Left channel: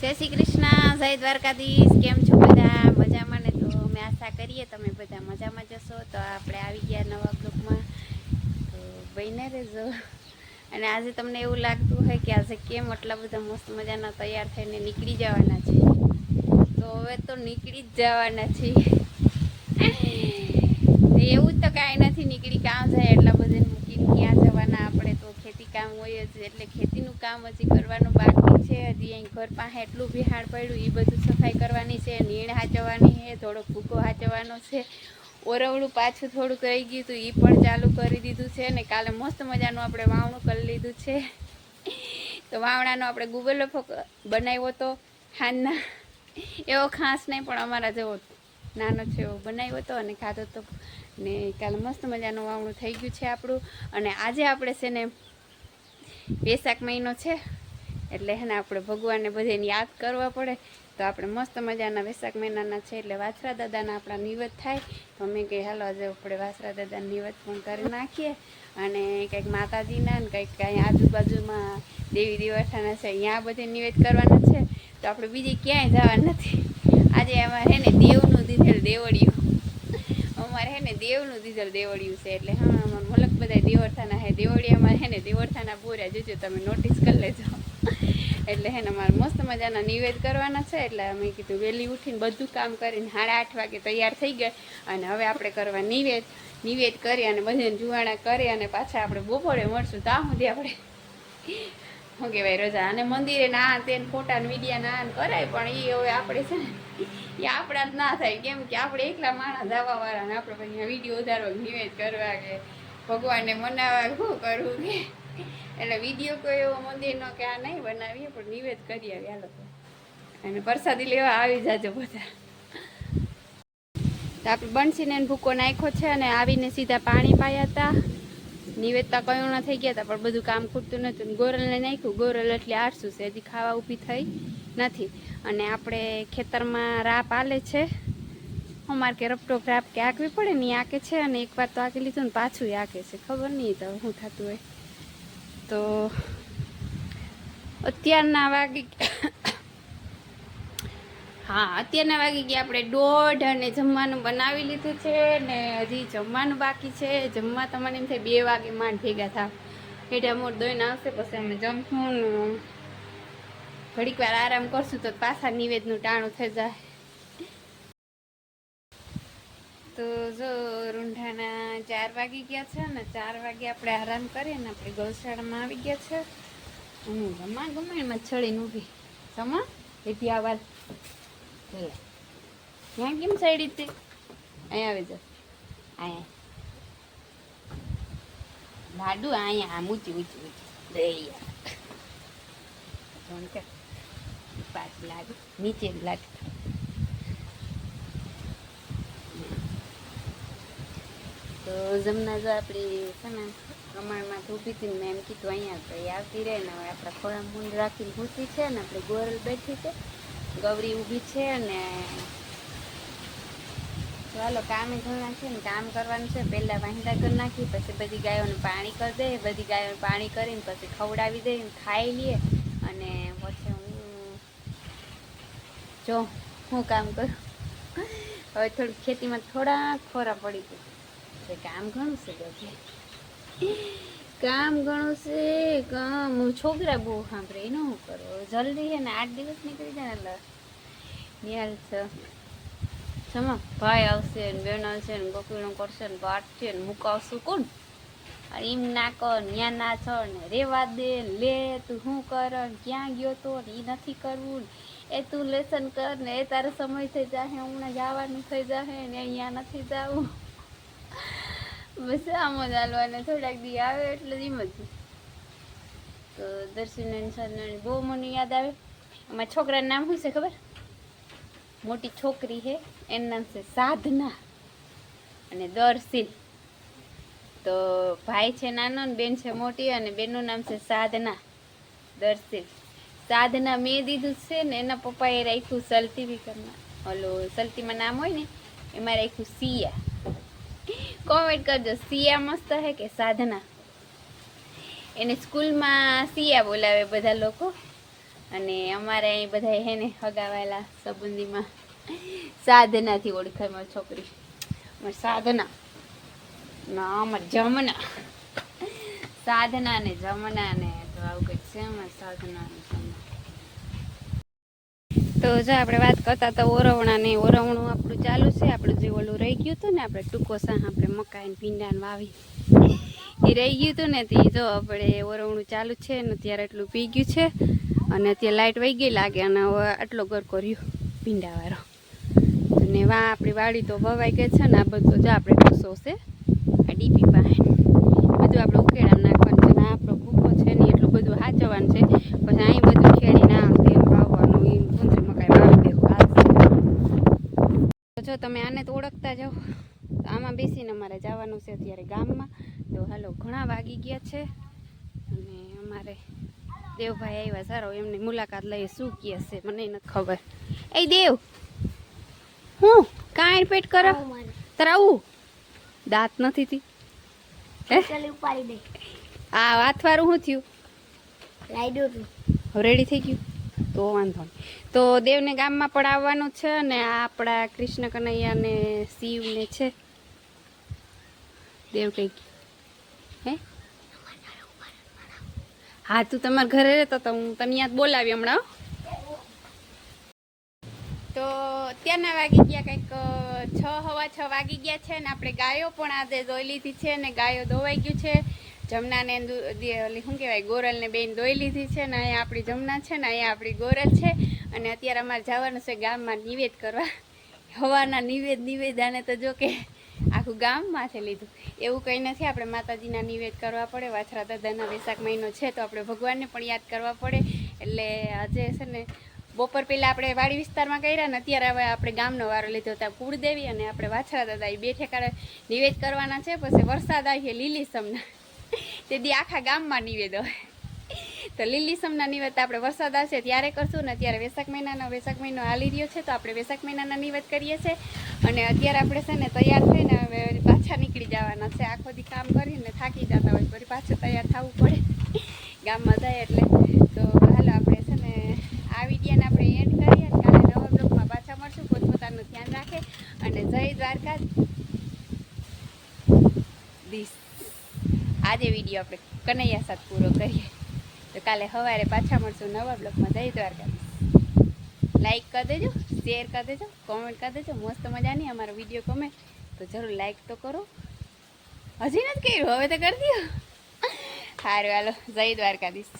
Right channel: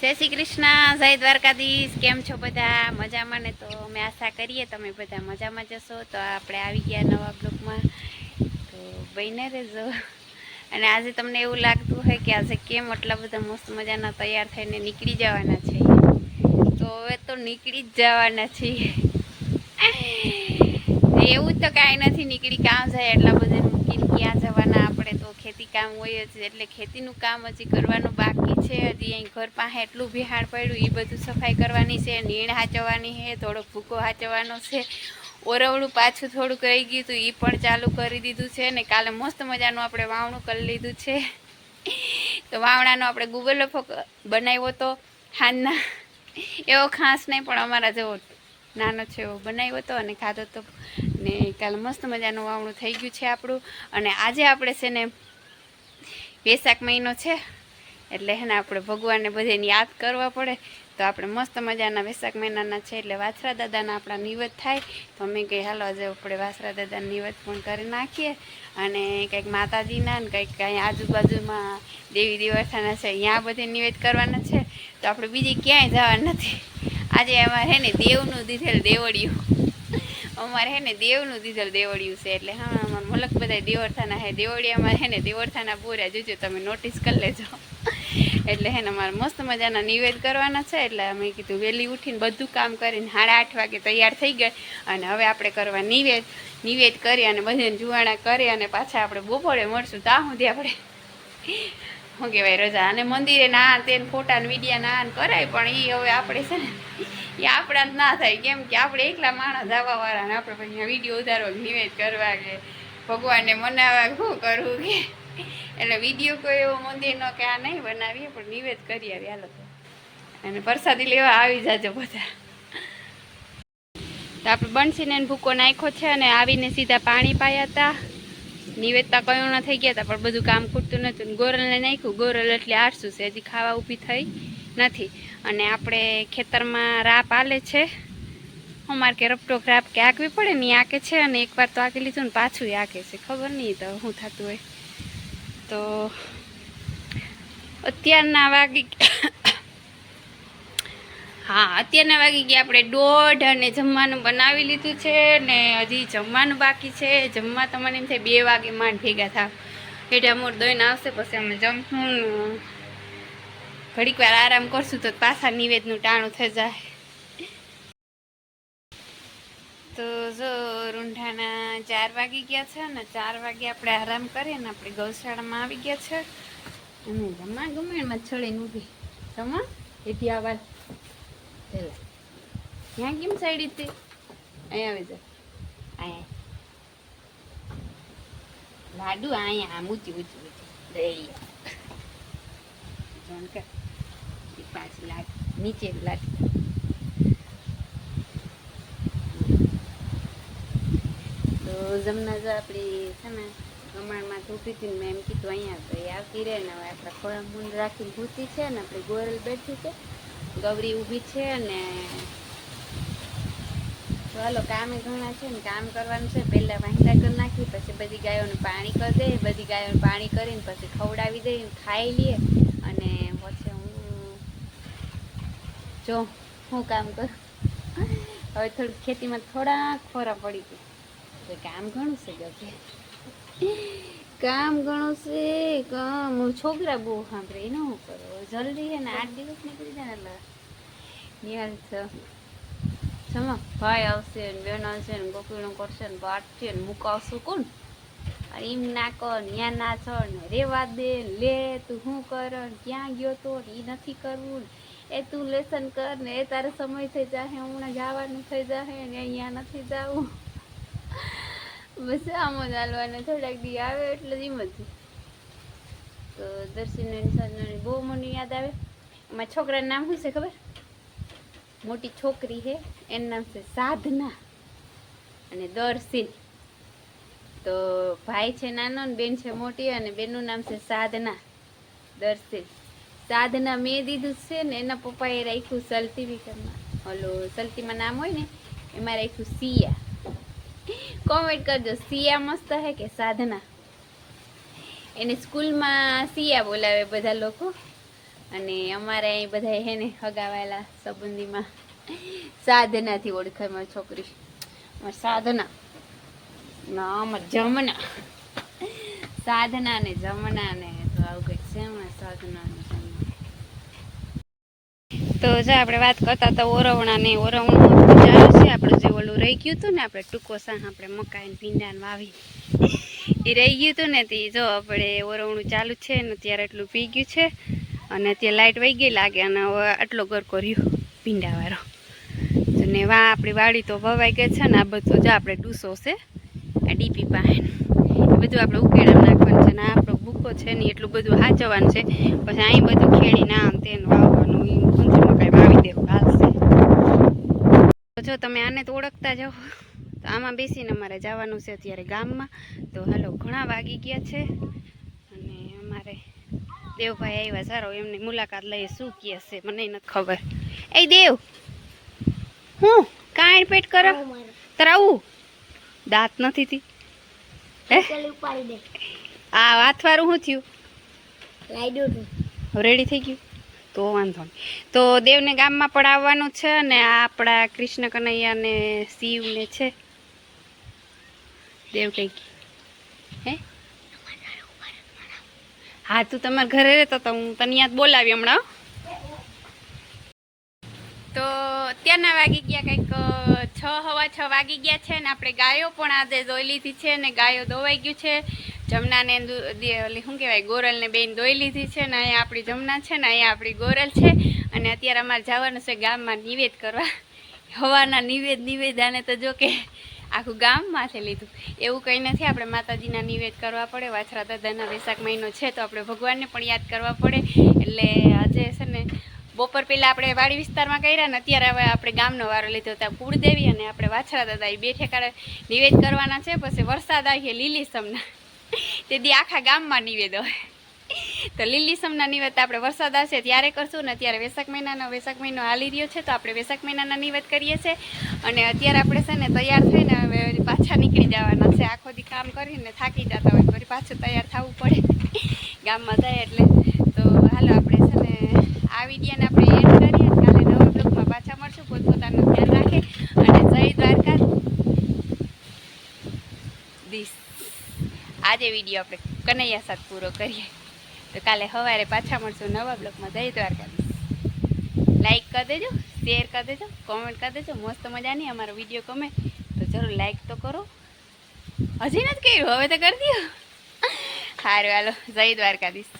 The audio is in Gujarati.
જય શ્રી કૃષ્ણ, જય દ્વારકાધીશ, કેમ છો બધા? મજામાં ને? તો અમે આશા કરીએ તમે બધા મજામાં જશો તો આપણે આવી ગયા નવા બ્લોકમાં તો બહીને રહેજો. અને આજે તમને એવું લાગતું હોય કે આજે કેમ આટલા બધા મસ્ત મજાના તૈયાર થઈને નીકળી જવાના છે તો હવે તો નીકળી જ જવાના છીએ. એવું તો કાંઈ નથી, નીકળી કાં જાય એટલા બધા ક્યાં જવાના આપણે તો ખેતી કામ હોય જ, એટલે ખેતીનું કામ હજી કરવાનું બાકી છે. હજી અહીં ઘર પાસે એટલું બિહાડ પડ્યું એ બધું સફાઈ કરવાની છે, નીણ હાચવવાની છે, થોડોક ભૂકો હાચવવાનો છે. ઓરવડું પાછું થોડુંક રહી ગયું હતું એ પણ ચાલુ કરી દીધું છે ને કાલે મસ્ત મજાનું આપણે વાવણું કરી લીધું છે. તો વાવણાનો આપણે ગૂગલ બનાવ્યો તો હાનના એવો ખાસ નહીં, પણ અમારા જેવો નાનો છે એવો બનાવ્યો હતો અને ખાધો હતો ને કાલે મસ્ત મજાનું વાવણું થઈ ગયું છે આપણું. અને આજે આપણે છે ને વેસાખ મહિનો છે, એટલે હે ને આપણે ભગવાનને બધાને યાદ કરવા પડે. તો આપણે મસ્ત મજાના વૈશાખ મહિનાના છે, એટલે વાછરા દાદાના આપણા નિવેદ થાય. તો અમે કંઈ હાલો આજે આપણે વાછરા દાદાના નિવેદ પણ કરી નાખીએ. અને કંઈક માતાજીના ને કંઈક કાંઈ આજુબાજુમાં દેવી દેવસ્થાના છે, અહીંયા બધે નિવેદ કરવાના છે. તો આપણે બીજી ક્યાંય જવા નથી. આજે અમારે હે ને દેવનું દીધેલ દેવડિયું અમારે હે ને દેવનું દીધેલ દેવડિયું છે એટલે હા, અમારે મલક બધા દેવરથાના હે દેવડી અમારે હે ને દેવરથાના પૂરા. જોજો તમે નોટિસ કરી લેજો. એટલે હે ને અમારે મસ્ત મજાના નિવેદ કરવાના છે. એટલે અમે કીધું વહેલી ઉઠીને બધું કામ કરીને સાડા આઠ વાગે તૈયાર થઈ ગયા. અને હવે આપણે કરવા નિવેદ. નિવેદ કરી અને બધાને જુવાણા કરી અને પાછા આપણે બપોરે મળશું. ત્યાં સુધી આપણે શું કહેવાય રજા. અને મંદિરે ના તેને ફોટા ને વિડીયા ના કરાય, પણ એ હવે આપણે છે ને એ આપણા જ ના થાય. કેમ કે આપણે એકલા માણસ આવવાવાળા ને આપણે પછી વીડિયો ઉતારવા નિવેદ કરવા કે ભગવાનને મનાવવા કે શું કરવું કે. એટલે વીડિયો કોઈ એવો મંદિરનો કે આ નહીં બનાવીએ, પણ નિવેદ કરી આવી હાલો તો. અને પ્રસાદી લેવા આવી જાજો બધા. તો આપણે બંસીને ભૂકો નાખ્યો છે અને આવીને સીધા પાણી પાયા હતા નિવેદતા કયું થઈ ગયા હતા, પણ બધું કામ ખૂટતું નહોતું. ગોરલને નાખ્યું. ગોરલ એટલે આરસું છે, હજી ખાવા ઊભી થઈ નથી. અને આપણે ખેતરમાં રાપ આલે છે. અમારે કે રપટોક રાપ કે આંકવી પડે ને એ આંકે છે અને એકવાર તો આંકી લીધું ને પાછું આંકે છે. ખબર નહીં તો શું થતું હોય. તો અત્યારના વાગી હા, અત્યારના વાગી ગયા આપણે દોઢ અને જમવાનું બનાવી લીધું છે ને હજી જમવાનું બાકી છે. જમવા તો મને એમ થાય બે વાગે માંડ ભેગા થા એટલે અમોર દોઈને આવશે, પછી અમે જમશું ઘડીક વાર આરામ કરશું તો પાછા નિવેદનું ટાણું થઈ જાય. તો જો રૂંઢાના ચાર વાગી ગયા છે ને ચાર વાગે આપણે આરામ કરીએ ને આપણે ગૌશાળામાં આવી ગયા છે. અને ગમા ગમે ચડીને ઊભી. જમા એથી આવાજ પેલા ત્યાં કેમ સાઈડ હતી અહીંયા આવી જા અહીંયા લાડુ અહીંયા આમ ઊંચી ઊંચી ઊંચી દરિયા જોન પાછી લાડુ નીચે લાડુ તો જમના જો આપણી છે ને કમાણમાં ઊભી હતી મેં એમ કીધું અહીંયા તો એ આવતી રહે ને હવે આપણા ખોળા મૂંડ રાખીને ભૂતી છે ને આપણે ગોરલ બેઠી છે ગૌરી ઊભી છે ને ચાલો કામે ઘણા છે ને કામ કરવાનું છે. પહેલાં વાંદા કરી નાખી, પછી બધી ગાયોને પાણી કરી દે, બધી ગાયોને પાણી કરીને પછી ખવડાવી દે ખાઈ લઈએ અને પછી હું જો હું કામ કરું. હવે થોડુંક ખેતીમાં થોડાક ખોરા પડી ગયું. કામ ઘણું છે ગભે કામ ઘણું છે, કામ. છોકરા બહુ સાંભળે, એનું શું કરો? જલ્દી છે ને, આઠ દિવસ નીકળી જાય ને નિહાલ છે. જમા. ભાઈ આવશે ને, બેન આવશે ને ગોકીણું કરશે ને વાટશે ને મુકાવશું કોણ? અને એમ ના કર ત્યાં ના છો ને, રેવા દે લે તું શું કર ક્યાં ગયો તો ને એ નથી કરવું ને. એ તું લેસન કર ને, એ તારે સમય થઈ જશે હમણાં જવાનું થઈ જશે ને, અહીંયા નથી જવું. બસ આમ જ થોડાક દી આવે એટલે જ જ. તો દર્શન સાધનાની બહુ મને યાદ આવે. અમારા છોકરાનું નામ શું છે ખબર? મોટી છોકરી છે, એનું નામ છે સાધના અને દર્શિન. તો ભાઈ છે નાનો ને બેન છે મોટી અને બેનનું નામ છે સાધના, દર્શિન. સાધના મેં દીધું છે ને, એના પપ્પાએ રાખ્યું સલતી વિકરમાં ઓલો સલતીમાં નામ હોય ને, એમાં રાખ્યું સિયા કોમેન્ટ કરજો. સિયા મસ્ત હે કે સાધના? એને સ્કૂલમાં સિયા બોલાવે બધા લોકો. અને અમારે અહીં બધા હે ને હગાવાયેલા સંબંધીમાં સાધનાથી ઓળખાય મારી છોકરી. સાધના. ના અમારી જમના. સાધના ને જમના ને તો આવું કંઈક છે સાધના ને જમના તો જો આપણે વાત કરતા તો ઓરવણા ને ઓરવણું ચાલુ રહી ગયું હતું ને આપણે ટૂંકો સાહ આપણે મકાઈ ભીંડાને વાવી. એ રહી ગયું હતું ને તે જો આપણે ઓરવણું ચાલુ છે ને ત્યારે એટલું પી ગયું છે અને ત્યાં લાઇટ વહી ગઈ લાગે અને હવે આટલો ગરકો રહ્યો ભીંડાવાળો ને વા આપણી વાડી તો વવાઈ ગઈ છે ને આ બધું જો આપણે ટૂસો છે, આ ડીપી એ બધું આપણે ઉકેડા નાખવાનું છે ને આપણો ભૂકો છે ને એટલું બધું હાચવવાનું છે. પછી અહીં બધું ખેડીને આમ તેમ વાવવાનું ઊંચી મકાઈ વાવી દેવું. હાલશે તો જો તમે આને તો ઓળખતા જાઓ તો આમાં બેસીને અમારે જવાનું છે અત્યારે ગામમાં. તો હાલો ઘણા વાગી ગયા છે. અને અમારે દેવભાઈ આવ્યા સારો એમની મુલાકાત લઈએ શું કહે છે મને નથી ખબર. એ દેવ હું? કાંઈ પેટ કરો? તરાવું દાંત નથી થી હે? ઉપાડી દે. આ વાતવારું શું થયું? રેડી થઈ ગયું? તો વાંધો નહીં. તો દેવને ગામમાં પણ આવવાનું છે અને આપણા કૃષ્ણ કનૈયા ને શિવ ને છે. દેવ કંઈક. હે? હા, તું તમારા ઘરે રહેતો તો હું તને યાદ બોલાવી હમણાં હો. તો અત્યારના વાગી ગયા કંઈક છ, હવા છ વાગી ગયા છે ને આપણે ગાયો પણ આજે ધોઈ લીધી છે ને ગાયો દોવાઈ ગયું છે. જમનાને શું કહેવાય, ગોરલને બેન ધોઈ લીધી છે ને અહીંયા આપણી જમના છે ને અહીંયા આપણી ગોરલ છે. અને અત્યારે અમારે જવાનું છે ગામમાં નિવેદ કરવા. હવાના નિવેદ નિવેદાને તો જો કે આખું ગામ માથે લીધું. એવું કંઈ નથી, આપણે માતાજીના નિવેદ કરવા પડે. વાછરા દાદાના વૈશાખ મહિનો છે તો આપણે ભગવાનને પણ યાદ કરવા પડે. એટલે આજે છે ને બપોર પહેલાં આપણે વાડી વિસ્તારમાં કર્યા ને અત્યારે હવે આપણે ગામનો વારો લીધો ત્યાં કુળદેવી અને આપણે વાછરા દાદા એ બે ઠેકાણે નિવેદ કરવાના છે. પછી વરસાદ આવીએ લીલી સમના તે દી આખા ગામમાં નિવેદ હોય. તો લીલી સમના નિવેદ આપણે વરસાદ આવશે ત્યારે કરશું ને અત્યારે વેસાક મહિનાનો વેસાક મહિનો હાલી રહ્યો છે તો આપણે વેસાક મહિનાના નિવેદ કરીએ છીએ. અને અત્યારે આપણે છે ને તૈયાર થઈને હવે પાછા નીકળી જવાના છે. આખો દી કામ કરીને થાકી જતા હોય ફરી પાછું તૈયાર થવું પડે. ગામમાં જાય એટલે. તો હાલો, આપણે છે આ વિડીયાને આપણે એડ કરીએ કાલે નવા બ્લોગમાં પાછા મળશું. પોતપોતાનું ધ્યાન રાખે અને જય દ્વારકા દીસ આજે વીડિયો આપણે કનૈયા સાથે પૂરો કરીએ. તો કાલે સવારે પાછા મળશું નવા બ્લોગમાં. જય દ્વારકા લાઈક કરી દેજો શેર કરી દેજો કોમેન્ટ કરી દેજો. મસ્ત મજાની અમારો વીડિયો ગમે તો જરૂર લાઈક તો કરો. હજી નથી કર્યું, હવે તો કરી દો. સારું હાલો, જય દ્વારકાધીશ.